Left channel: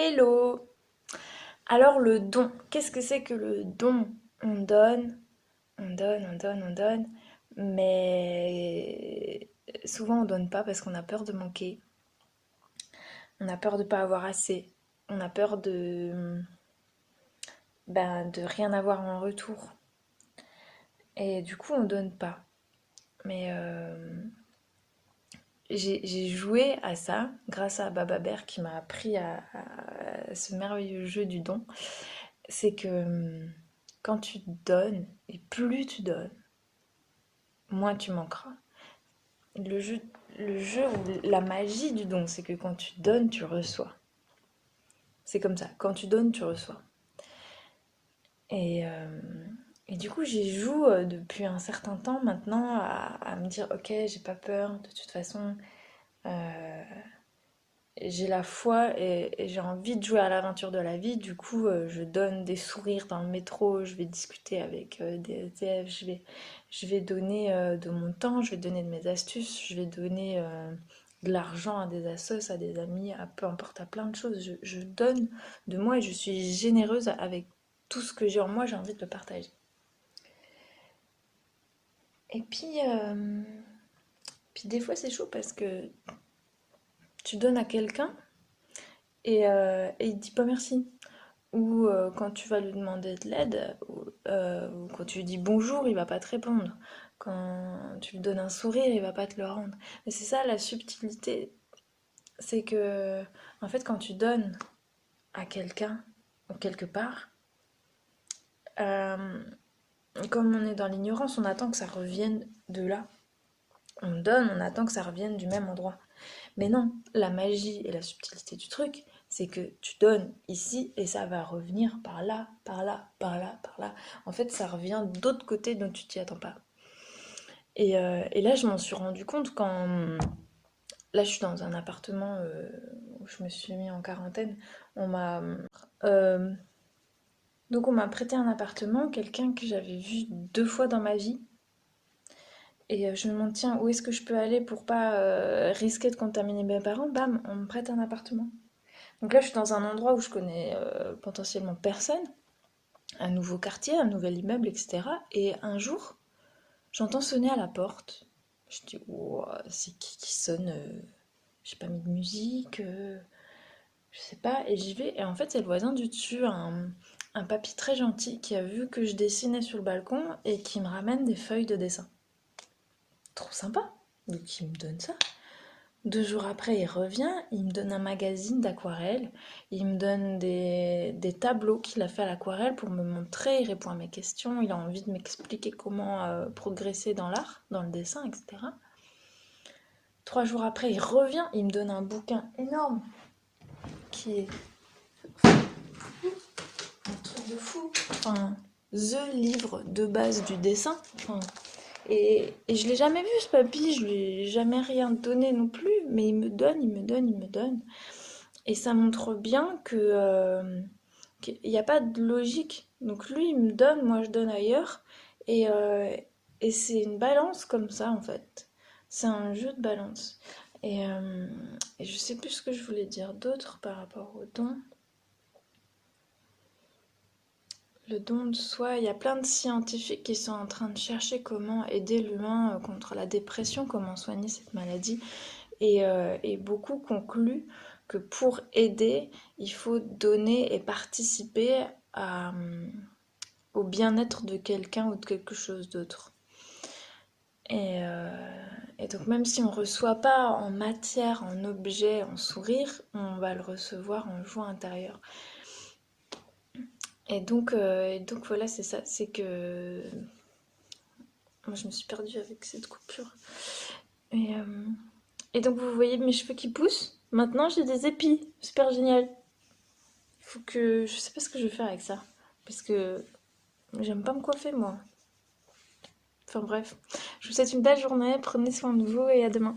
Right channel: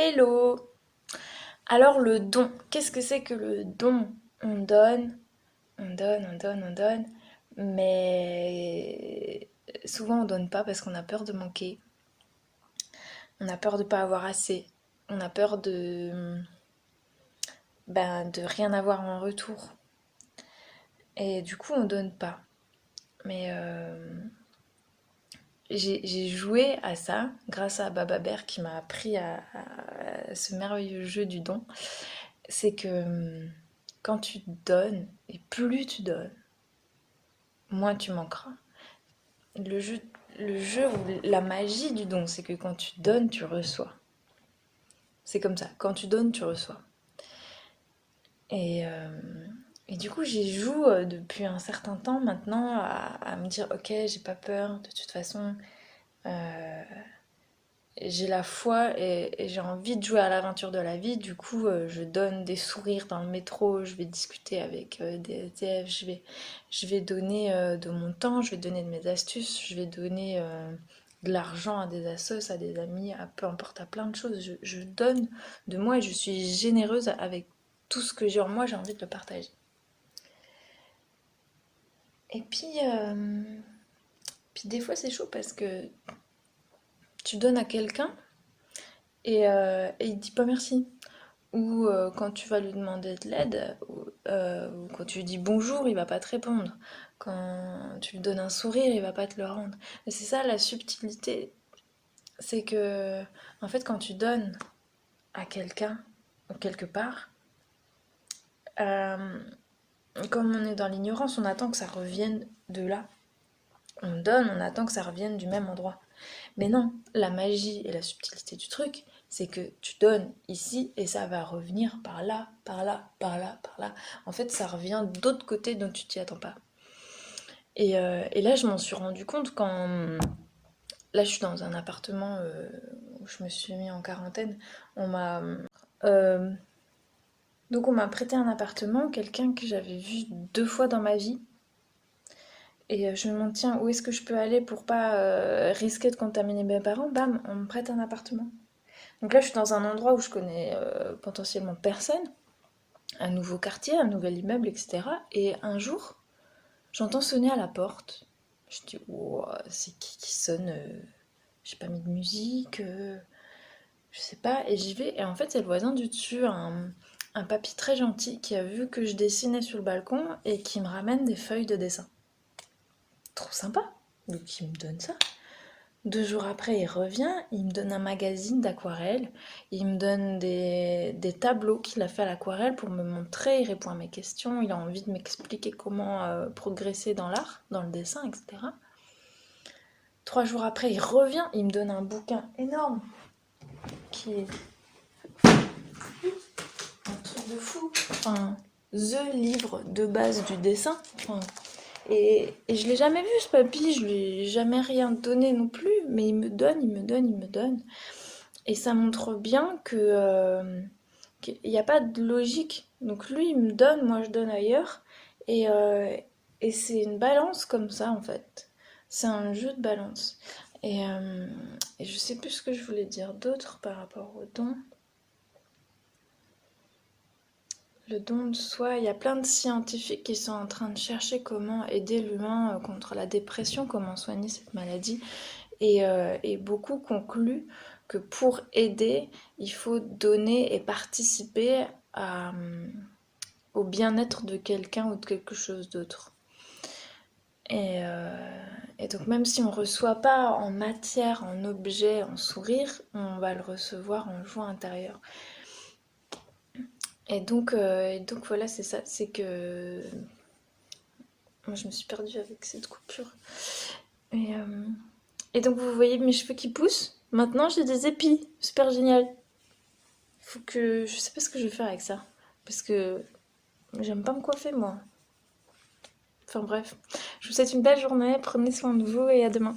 Hello! Alors le don, qu'est-ce que c'est que le don? On donne, on donne, mais souvent on donne pas parce qu'on a peur de manquer, on a peur de pas avoir assez, on a peur de rien avoir en retour. Et du coup on donne pas. Mais j'ai joué à ça grâce à Baba Bear qui m'a appris à ce merveilleux jeu du don. C'est que quand tu donnes, et plus tu donnes, moins tu manqueras. Le jeu, le jeu ou la magie du don, c'est que quand tu donnes, tu reçois. C'est comme ça, quand tu donnes, tu reçois. Et, euh, et du coup, j'y joue depuis un certain temps maintenant à me dire, ok, j'ai pas peur, de toute façon, euh, j'ai la foi et j'ai envie de jouer à l'aventure de la vie. Du coup, je donne des sourires dans le métro, je vais discuter avec des SDF, je vais donner de mon temps, je vais donner de mes astuces, je vais donner de l'argent à des assos, à des amis, à peu importe, à plein de choses. Je donne de moi et je suis généreuse avec tout ce que j'ai en moi, j'ai envie de le partager. Et puis des fois c'est chaud parce que tu donnes à quelqu'un et il dit pas merci. Ou quand tu vas lui demander de l'aide, ou quand tu lui dis bonjour, il va pas te répondre. Quand tu lui donnes un sourire, il va pas te le rendre. Et c'est ça la subtilité, c'est que en fait quand tu donnes à quelqu'un ou quelque part, euh, comme on est dans l'ignorance, on attend que ça revienne de là. On donne, on attend que ça revienne du même endroit. Mais non, la magie et la subtilité du truc, c'est que tu donnes ici et ça va revenir par là, par là, par là, par là. En fait, ça revient d'autre côté dont tu t'y attends pas. Et là, je m'en suis rendu compte quand... Là, je suis dans un appartement où je me suis mis en quarantaine. On m'a... euh, donc on m'a prêté un appartement, quelqu'un que j'avais vu 2 fois dans ma vie. Et je me demande, tiens, où est-ce que je peux aller pour pas risquer de contaminer mes parents? Bam, on me prête un appartement. Donc là, je suis dans un endroit où je connais potentiellement personne, un nouveau quartier, un nouvel immeuble, etc. Et un jour, j'entends sonner à la porte. Je dis, wow, c'est qui sonne? J'ai pas mis de musique, je sais pas. Et j'y vais. Et en fait, c'est le voisin du dessus, un papy très gentil qui a vu que je dessinais sur le balcon et qui me ramène des feuilles de dessin. Trop sympa. Donc il me donne ça. 2 jours après, il revient, il me donne un magazine d'aquarelle, il me donne des tableaux qu'il a fait à l'aquarelle pour me montrer, il répond à mes questions, il a envie de m'expliquer comment progresser dans l'art, dans le dessin, etc. 3 jours après, il revient, il me donne un bouquin énorme qui est un truc de fou, enfin, the livre de base du dessin. Enfin, et je l'ai jamais vu ce papy, je lui ai jamais rien donné non plus, mais il me donne, il me donne, il me donne. Et ça montre bien qu'il n'y a pas de logique. Donc lui, il me donne, moi je donne ailleurs. Et, euh, et c'est une balance comme ça, en fait. C'est un jeu de balance. Et je sais plus ce que je voulais dire d'autre par rapport au don. Le don de soi, il y a plein de scientifiques qui sont en train de chercher comment aider l'humain contre la dépression, comment soigner cette maladie. Et beaucoup concluent que pour aider, il faut donner et participer au bien-être de quelqu'un ou de quelque chose d'autre. Et, euh, et donc même si on ne reçoit pas en matière, en objet, en sourire, on va le recevoir en joie intérieure. Et donc voilà, c'est ça, c'est que... Moi je me suis perdue avec cette coupure. Et, euh, et donc vous voyez mes cheveux qui poussent. Maintenant j'ai des épis, super génial. Faut que... Je sais pas ce que je vais faire avec ça. Parce que j'aime pas me coiffer, moi. Enfin bref. Je vous souhaite une belle journée, prenez soin de vous et à demain.